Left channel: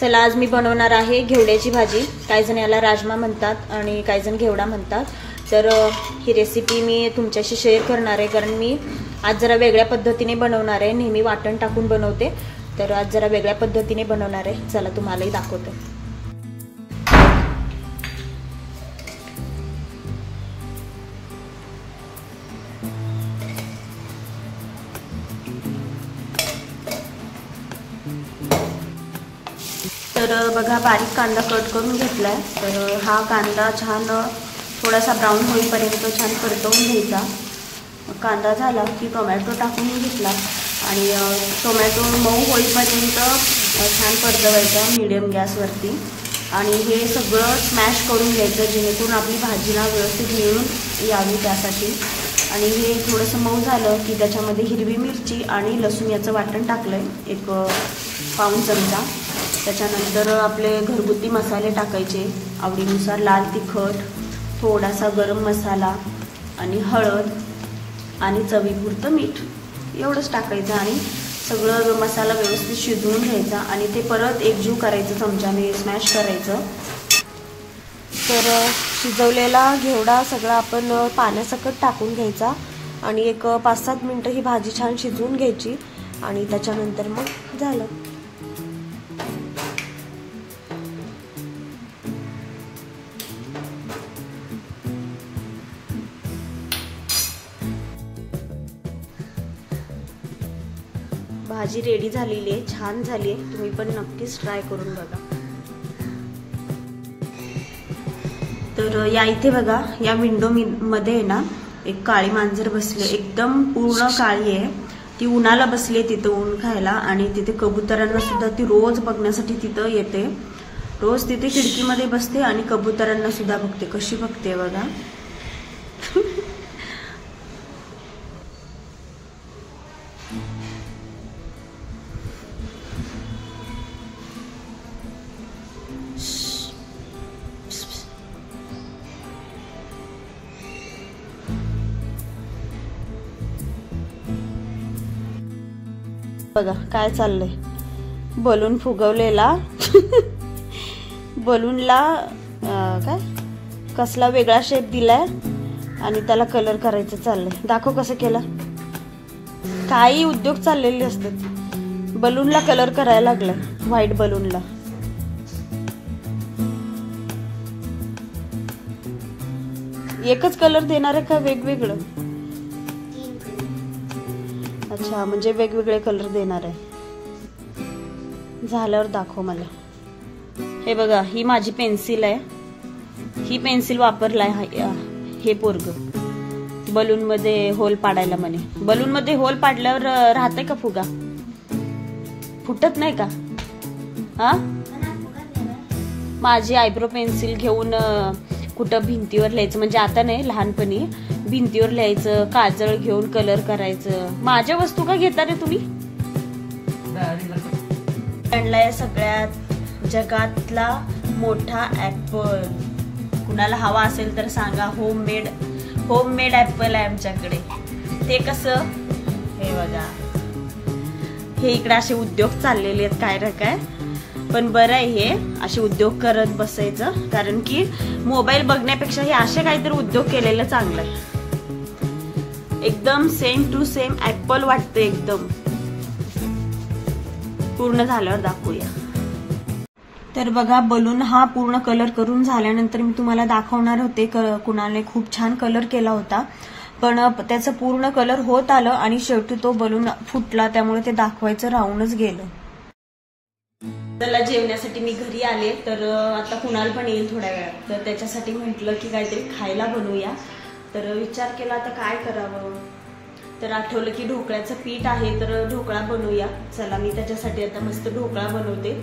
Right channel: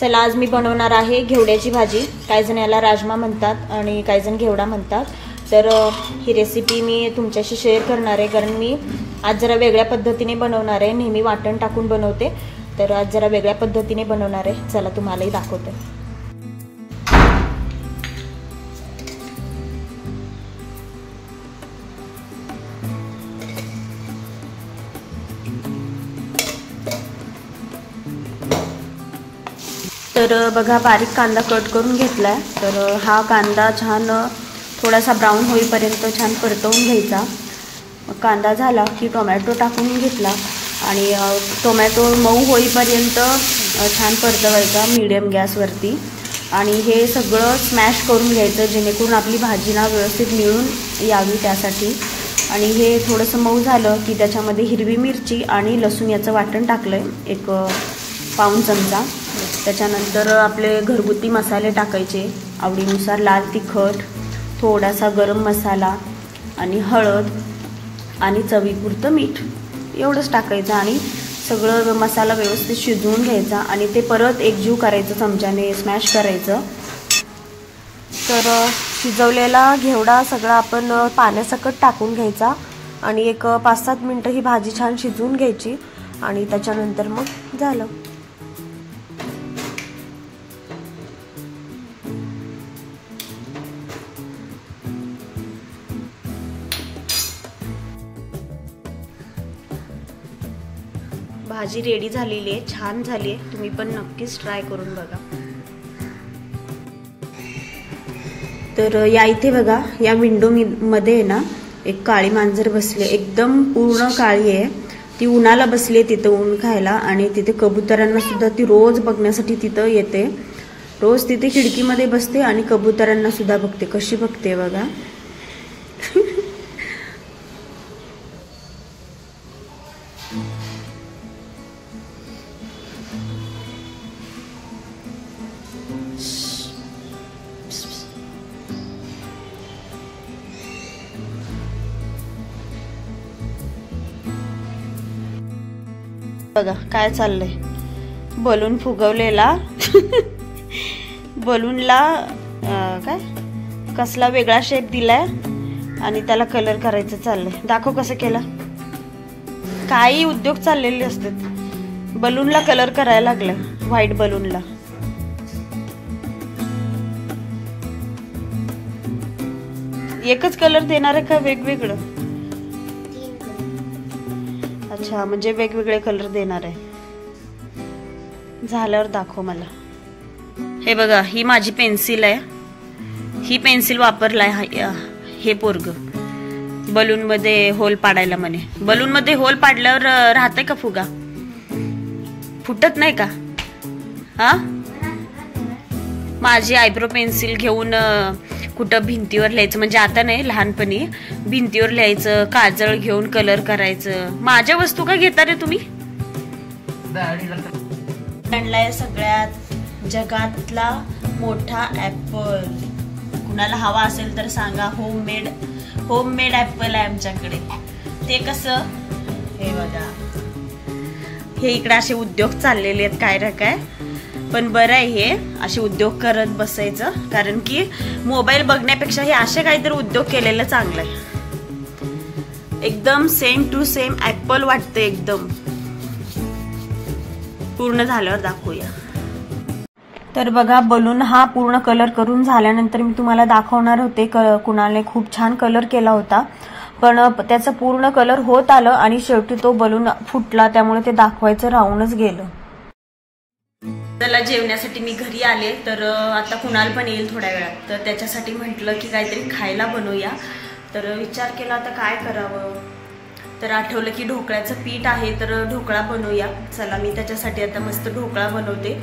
चला आज मी बनवणार आहे घेवड्याची भाजी। काही जण याला राजमा म्हणतात आणि काही जण घेवडा म्हणतात। तर ही रेसिपी मी तुमच्याशी शेअर करणार आहे कारण मी आज जरा वेगळ्या पद्धतीने बनवणार आहे। नेहमी वाटण टाकून बनवते, तर आज जरा वेगळ्या पद्धतीने बनवणार आहे। चला तुम्हालाही दाखवते। तर बघा बारीक कांदा कट करून घेतलाय। तर हा कांदा छान थोडासा ब्राऊन होईपर्यंत छान परतवून घ्यायचा। कांदा झाला की टोमॅटो टाकून घेतला आणि टोमॅटो मऊ होईपर्यंत छान परतवायचा मीडियम गॅसवरती। आणि हे सगळं स्मॅश करून घ्यायचं जेणेकरून आपली भाजीला व्यवस्थित मिळून यावी त्यासाठी। आणि हे थोडंसं मऊ झालं की त्याच्यामध्ये हिरवी मिरची आणि लसूण याचं वाटण टाकलं एक पाऊण चमचा। त्याच्यानंतर आपले घरगुती मसाले टाकायचे आवडीनुसार, लाल तिखट, थोडासा गरम मसाला आणि हळद आणि चवीपुरतं मीठ एवढंच टाकायचं। आणि सगळं मसाला व्यवस्थित शिजवून घ्यायचा आणि ते परत एकजीव करायचं, चमच्याने स्मॅश करायचं। तर शिजवलेला घेवडा सगळा आपण पाण्यासकट टाकून घ्यायचा आणि एक 5-7 मिनिटं ही भाजी छान शिजवून घ्यायची आणि त्याच्यानंतर मग झालं। भाजी रेडी झालेली आहे, छान झाली आहे। तुम्ही पण नक्कीच ट्राय करून बघा। तर या इथे बघा या विंडो मध्ये ना एक काळी मांजर बसली, एकदम पूर्ण काळी आहे। ती उन्हाला बसली आहे तिथं ऊन खायला आणि तिथे कबुतरांना सुद्धा ती रोज बघण्यासाठी तिथं येते। रोज तिथे खिडकीमध्ये बसते आणि कबुतरांना सुद्धा बघते। कशी बघते बघा। बघा काय चाललंय, बलून फुगवलेला बलूनला काय कसला वेगळा शेप दिलाय आणि त्याला कलर करायचं चाललंय। दाखव कसं केलं। काही उद्योग चाललेले असतात। बलूनला कलर करायला लागलाय, व्हाईट बलूनला। एकच कलर देणार आहे का वेगवेगळं? अच्छा, म्हणजे वेगवेगळे कलर देणार आहे। झाल्यावर दाखव मला। हे बघा ही माझी पेन्सिल आहे, ही पेन्सिल वापरलाय हे पोरग बलून मध्ये होल पाडायला म्हणे। बलून मध्ये होल पाडल्यावर राहते का फुगा? फुटत नाही का? हा, माझी आयब्रो पेन्सिल घेऊन कुठं भिंतीवर लिहायचं, म्हणजे आता नाही लहानपणी भिंतीवर लिहायचं, काजळ घेऊन कलर करायचं। माझ्या वस्तू का घेता रे तुम्ही? आणलाय सगळ्यात जगातला मोठा ऍपल। कुणाला हवा असेल तर सांगा। होममेड ऍपल आहे आमच्याकडे। ते कसं, हे बघा हे इकडे असे उद्योग चाललेले आहेत काय रे काय, पण बरं आहे हे असे उद्योग करत बसायचं, कारण की मोबाईल बघण्यापेक्षा हे असे काहीतरी उद्योग केलेलं चांगलं आहे। एकदम सेम टू सेम ऍपल वाटतं एकदम। पूर्ण झाल्यावर दाखवूया। तर बघा बलून हा पूर्ण कलर करून झाल्यानंतर मी तुम्हाला दाखवणार होते। कुणालने खूप छान कलर केला होता, पण त्याचं पूर्ण कलर होत आलं आणि शेवटी तो बलून फुटला, त्यामुळे ते दाखवायचं राहूनच गेलं। त्याला जेवण्यासाठी मी घरी आले, तर आता कुणाल पण येईल थोड्या वेळात, तर त्याच्यासाठी म्हटलं की काहीतरी खायला बनवूया। तर विचार केला आता काय करावं, तर आठवलं की ढोकळ्याचं पीठ आहे, तर ढोकळा बनवूया। चला मी त्याच्यासाठी आता मस्त ढोकळा बनवते।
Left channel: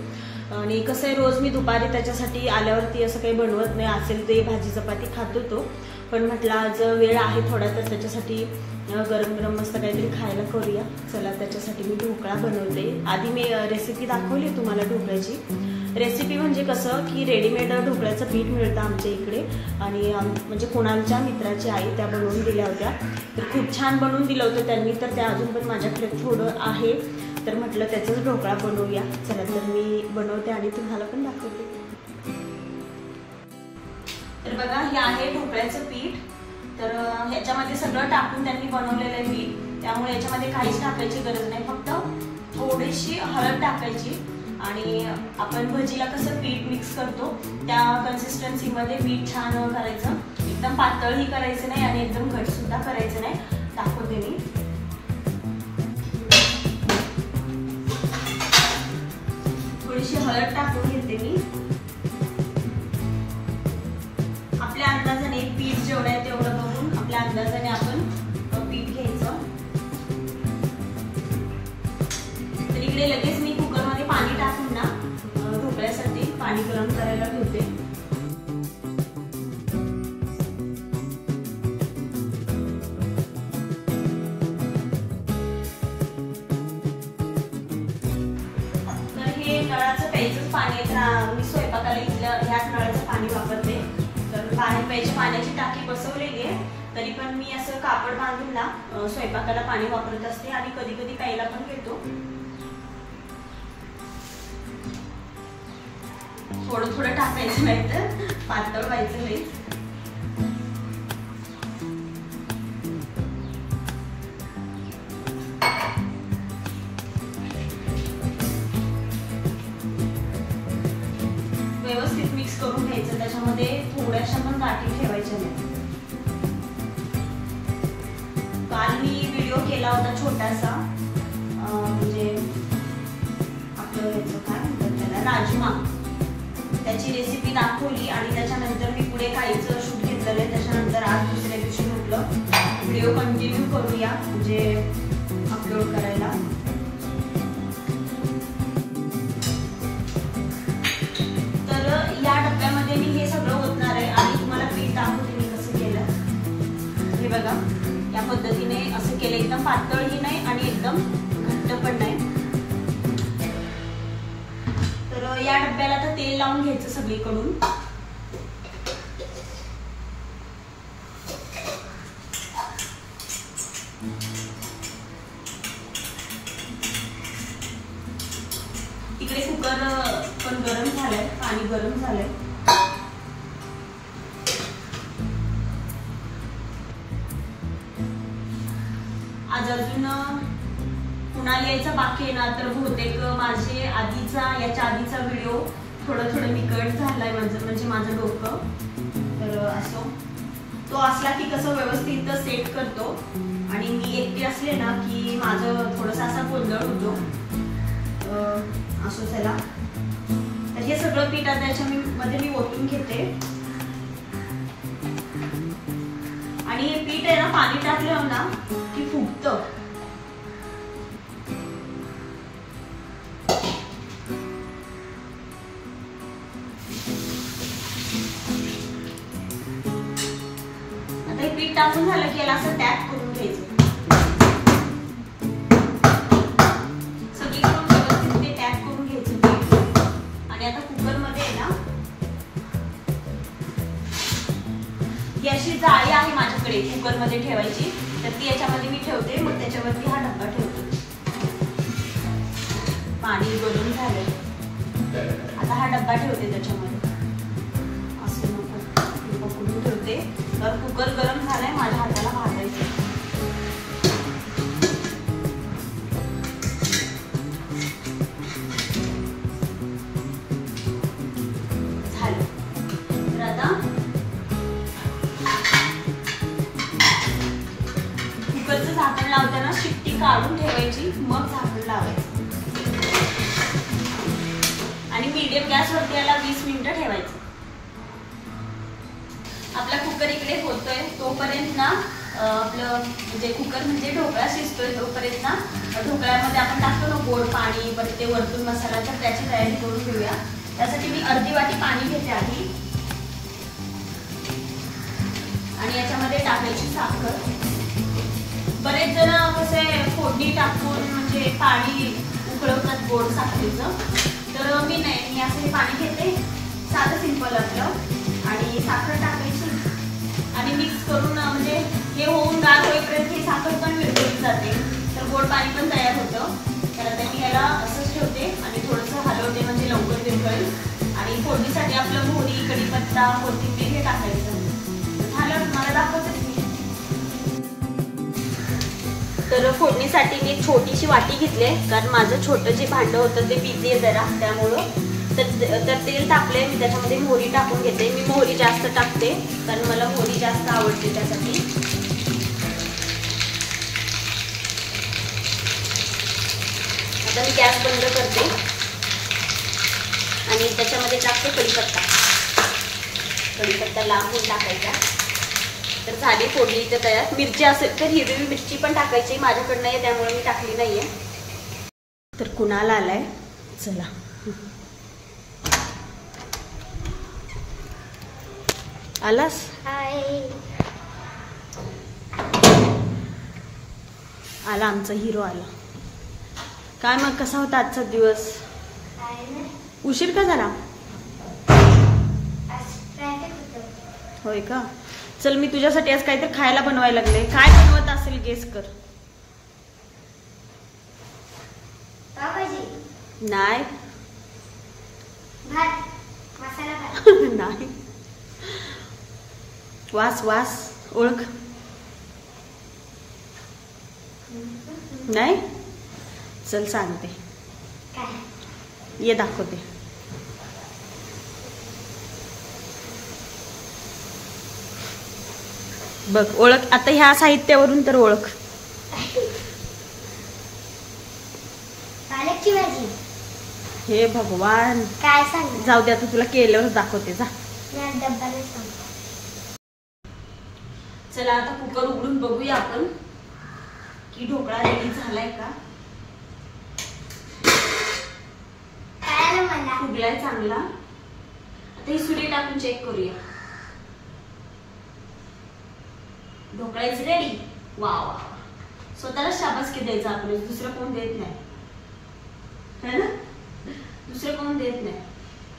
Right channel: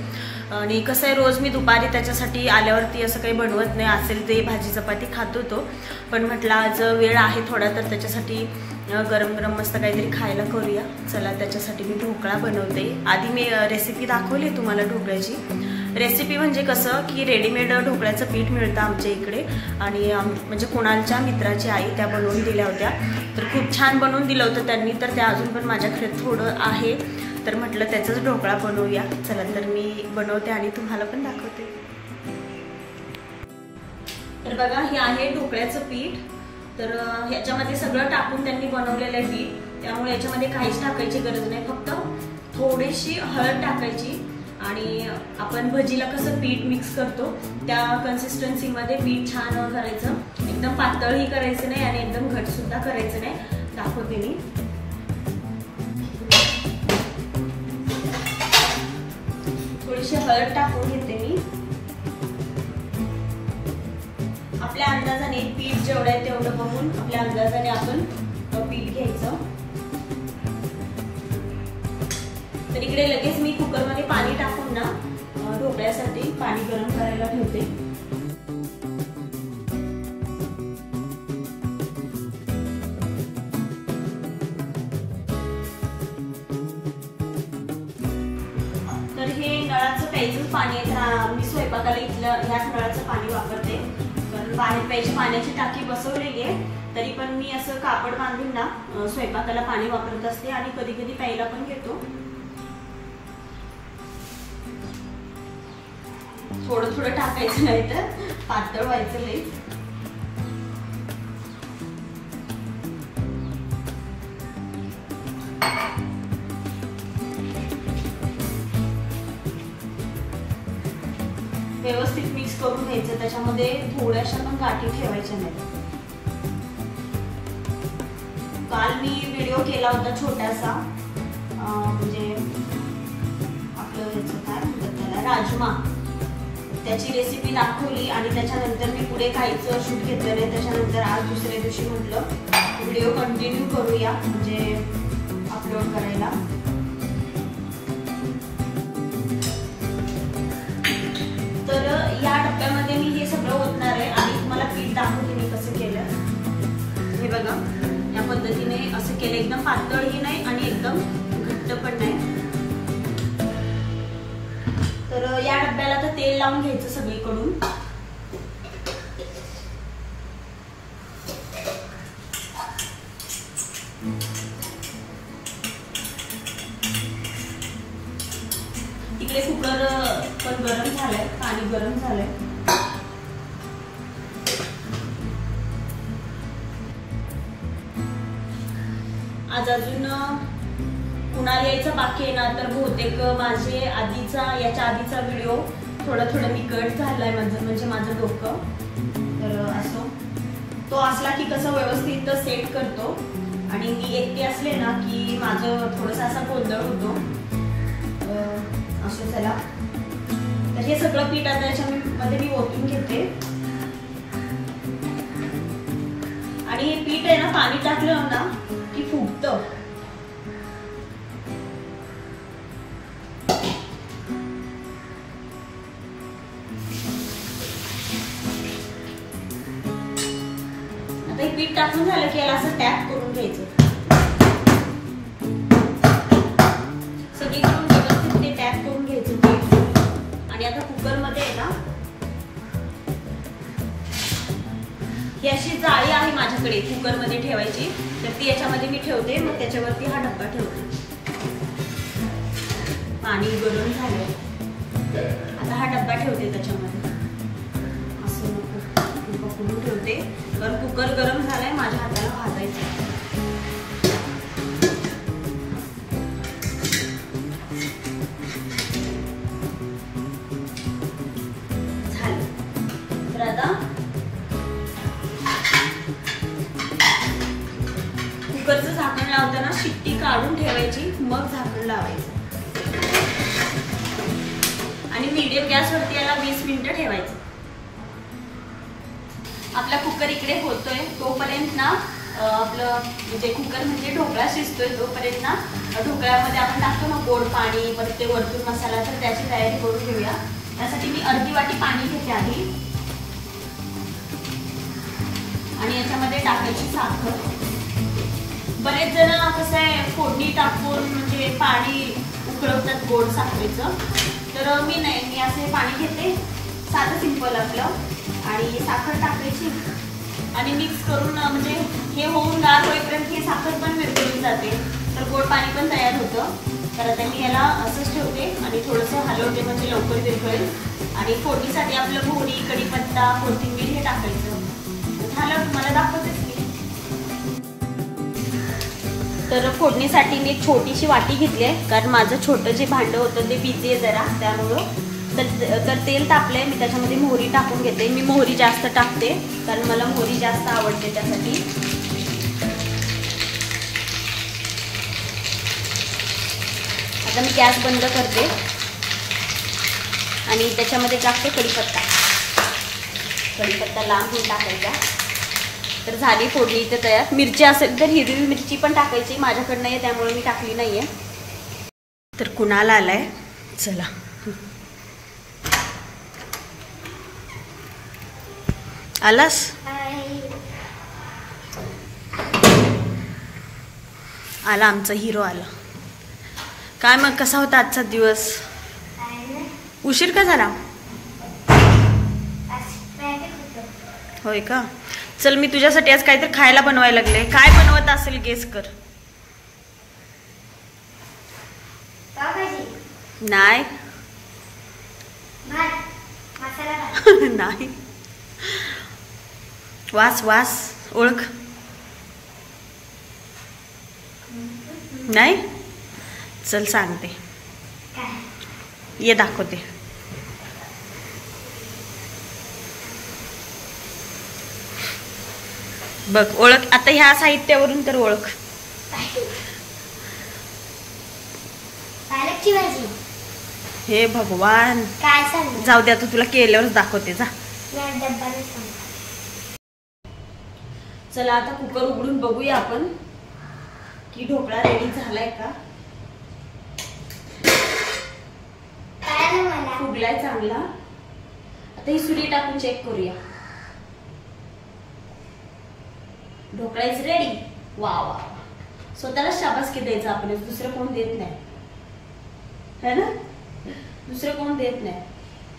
आणि कसं आहे रोज मी दुपारी त्याच्यासाठी आल्यावरती असं काही बनवत नाही, असेल ते भाजी चपाती खातो तो, पण म्हटलं आज वेळ आहे थोडा, तर त्याच्यासाठी गरम गरम मस्त काहीतरी खायला करूया। चला त्याच्यासाठी मी ढोकळा बनवते। आधी मी रेसिपी दाखवली तुम्हाला ढोकळ्याची। रेसिपी म्हणजे कसं की रेडीमेड ढोकळ्याचं पीठ मिळतं आमच्या इकडे, आणि म्हणजे कुणालच्या मित्राची आई त्या बनवून दिल्या होत्या, तर खूप छान बनवून दिलं होतं त्यांनी, तर त्या अजून पण माझ्याकडे थोडं आहे, तर म्हटलं त्याचाच ढोकळा बनवूया. चला तर मी बनवते आणि तुम्हाला पण दाखवते. तर बघा, हे आहे ढोकळ्याचं पीठ. तर ह्याच्यामध्ये सगळं टाकून त्यांनी बनवलेलं आहे पीठ, त्यामुळे याच्यामध्ये काहीच टाकायची गरज नाही. फक्त थोडीशी हळद टाकायची आणि आपण भजीला कसं पीठ मिक्स करतो त्या कन्सिस्टन्सीमध्ये पीठ छान करायचं. एकदम पातळही करायचं नाही आणि एकदम घट सुद्धा करायचं नाही. दाखवते मी. थोडीशी हळद टाकून घेते मी. आपल्या अंदाजाने पीठ जेवढं आहे तेवढं बघून आपल्या अंदाजाने आपण पीठ घ्यायचं. तर इकडे लगेच मी कुकरमध्ये पाणी टाकून ना ढोकळ्यासाठी पाणी गरम करायला ठेवते. तर हे नळाचं प्यायचंच पाणी आहे. मी स्वयंपाकाला इथलं ह्याच नळाचं पाणी वापरते. तर बाहेर प्यायची पाण्याची टाकी बसवलेली आहे, तरी पण मी असं कापड बांधून ना स्वयंपाकाला पाणी वापरत असते आणि कधी कधी प्यायला पण घेतो. थोडं थोडं टाकायचं नाही तर पातळ व्हायचं नाही. व्यवस्थित मिक्स करून घ्यायचं. त्याच्यामध्ये थोड्याशा पण गाठी ठेवायच्या नाही. काल मी व्हिडिओ केला होता छोटासा, म्हणजे आपलं ह्याचं काय म्हणतात त्याला, राजमा, त्याची रेसिपी दाखवली आणि त्याच्यानंतर मी पुढे काहीच शूट घेतलं नाही. त्याच्यानंतर आज दुसऱ्या दिवशी म्हटलं व्हिडिओ कंटिन्यू करूया म्हणजे अपलोड करायला. तर या डब्यामध्ये मी हे सगळं ओतणार आहे आणि तुम्हाला पीठ दाखवते मी कसं केलं. हे बघा, या पद्धतीने असं केलं. एकदम पातळही नाही आणि एकदम घट्ट पण नाही. तर या डब्याला तर तेल लावून घ्यायचं सगळीकडून. इकडे कुकर पण गरम झालंय, पाणी गरम झालंय. आज अजून कुणाला यायचं बाकी आहे ना, तर बहुतेक माझे याच्या आधीचा व्हिडिओ थोडं मी कट झालाय म्हणजे माझं डोकं. तर असो, तो असला की कसं व्यवस्थित सेट करतो आणि मी एकटे असले ना की माझं थोडंसं असा गोंधळ होतो. असो, चला. तर हे सगळं पीठ आता याच्यामध्ये मी ओतून घेते आणि हे पीठ आहे ना, पाणी टाकलं ना की फुगतं. आता हे पीठ टाकून झालं की याला असं टॅप करून घ्यायचं. सगळीकडून व्यवस्थित ते टॅप करून घ्यायचं पीठ. आणि आता कुकर मध्ये आहे ना, ही अशी जाळी आहे माझ्याकडे कुकर मध्ये ठेवायची, तर ती याच्यामध्ये मी ठेवते. मग त्याच्यावरती हा डब्बा ठेवते. पाणी गरम झालंय, आता हा डब्बा ठेवते त्याच्यामध्ये. असं पकडून ठेवते. तर कुकर गरम झालाय, माझ्या हाताला भाजायचं. झालं. तर आता कुकरचं झाकण लावताना शिट्टी काढून ठेवायची, मग झाकण लावायचं आणि मीडियम गॅसवरती याला 20 मिनिटं ठेवायचं. आपला कुकर इकडे होतोय तोपर्यंत ना आपलं म्हणजे कुकर म्हणजे ढोकळा शिजतोय तोपर्यंत ना ढोकळ्यामध्ये आपण टाकतो ना गोड पाणी, परत ते वरतून मसाला, तर त्याची तयारी करून घेऊया. त्यासाठी मी अर्धी वाटी पाणी घेते आधी आणि याच्यामध्ये टाकायची साखर. बरेच जण कसं आहे फोडणी टाकून म्हणजे पाणी उकळवतात गोड साखरेचं, तर मी नाही, मी असं हे पाणी घेते साधं सिंपल आपलं आणि साखर टाकायची आणि मिक्स करून म्हणजे हे होऊन गार होईपर्यंत हे साखर पण विरघळून जाते, तर गोड पाणी पण तयार होतं. तर आता मी याला असंच ठेवते आणि थोडंसं हलवते म्हणजे लवकर विरघळेल. आणि फोडणीसाठी आपलं मोहरी, कढीपत्ता, कोथिंबीर हे टाकायचं. झालं, तुम्हाला दाखवतेच मी. तर फोडणीसाठी मी छोटीशी वाटी घेतली आहे, कारण माझं छोटं जे भांडं होतं ते बिझी आहे जरा, त्यामुळं. तर तेल तापले, मी त्याच्यामध्ये मोहरी टाकून घेते. मी मोहरी जास्त टाकते कारण मला मोहरी जास्त आवडते त्यासाठी. आता मी गॅस बंद करते आणि त्याच्यामध्ये टाकते कढीपत्ता. कढीपत्ता लांबून टाकायचा. तर झाली फोडणी इथे तयार. मिरची असेल तर हिरवी मिरची पण टाकायची, माझ्याकडे नाही त्यामुळे मी टाकली नाहीये. तर कुणाला आलाय, चला. आलास? आला आमचा हिरो आला. काय मग कसा होता आजचा दिवस? उशीर का झाला? होय का? चल मी तुझ्यासाठी आज काहीतरी खायला बनवायला लागले. काय बनवत असेल गेस कर. नाही नाही. वास वास ओळख. नाही, चल सांगते, ये दाखवते. बघ ओळख आता ह्या साहित्यावरून तर ओळख. पालकची भाजी. हे भगवान, काय सांग, जाऊ दे आता तुला केल्यावरच दाखवते. जा. चला आता कुकर उघडून बघूया आपण की ढोकळा रेडी झालाय का. फुगलाय चांगला. आता ही सुरी टाकून चेक करूया. Dhokla is ready. वा वा, स्वतःला शाबासकी द्यायचं आपण, दुसरं कोण देत नाही है ना, दुसरं कोण देत नाही.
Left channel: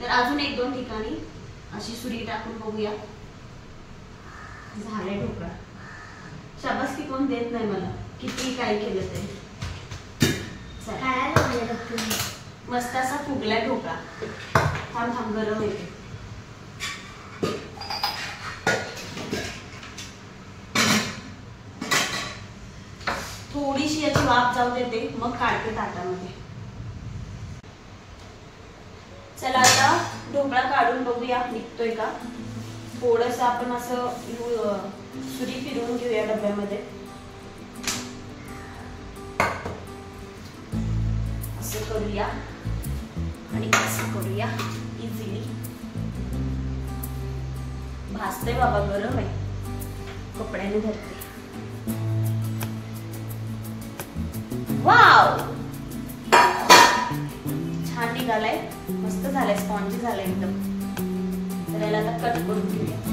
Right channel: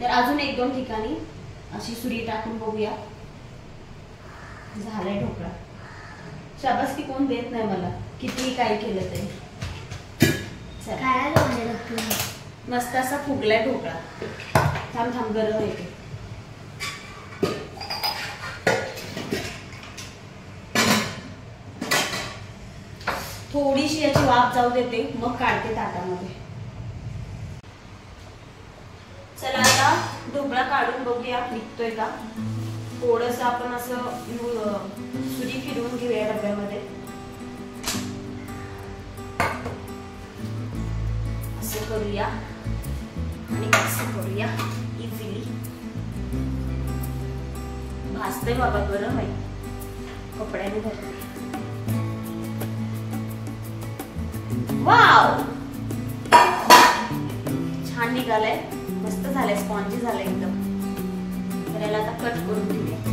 तर अजून एक दोन ठिकाणी अशी सुरी टाकून बघूया. झालाय ढोकळा. शाबासकी कोण देत नाही मला, किती काय केलं तरी. मस्त असा फुगलाय ढोकळा. थांब थांब, गरम येते. थोडीशी याची वाफ जाऊ देते, मग काढते ताटामध्ये. चला आता ढोकळा काढून बघूया निघतोय का. थोडस आपण असं सुरी फिरवून घेऊया डब्यामध्ये. असं करूया आणि असं करूया इझिली. भाजतंय बाबा, गरम आहे, कपड्याने धरते. वाव, छान निघालाय, मस्त झालंय, स्पॉन्जी झालंय एकदम. तर याला आता कट करून घेऊया.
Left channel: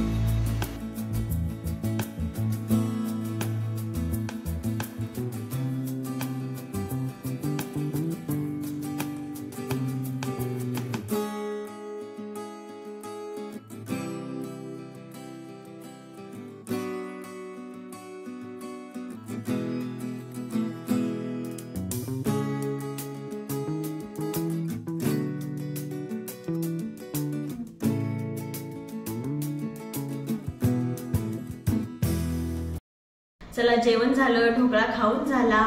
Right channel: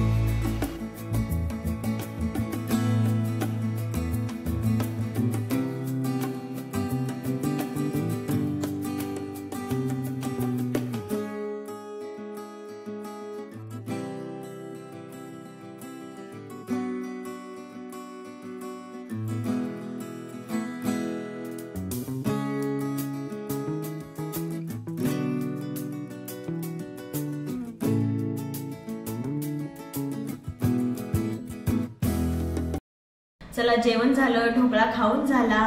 चला जेवण झालं, ढोकळा खाऊन झाला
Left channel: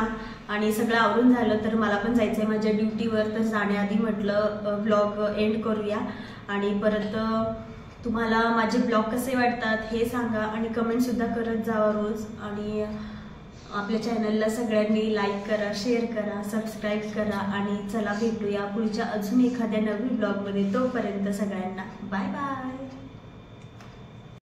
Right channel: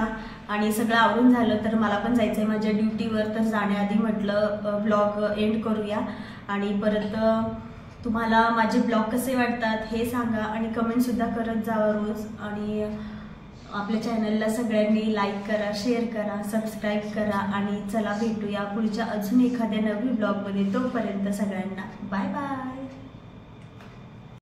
आणि सगळं आवरून झालं. तर मला पण जायचंय माझ्या ड्युटीवर. तर जाण्याआधी म्हटलं ब्लॉग एंड करूया. आणि परत तुम्हाला माझे ब्लॉग कसे वाटतात हे सांगा आणि कमेंट सुद्धा करत जावा रोज. आणि आपल्या चॅनलला सगळ्यांनी लाईक करा, शेअर करा, सबस्क्राईब करा. आणि चला भेटूया पुढच्या अजून एखाद्या नवीन ब्लॉगमध्ये. तोपर्यंत सगळ्यांना बाय बाय.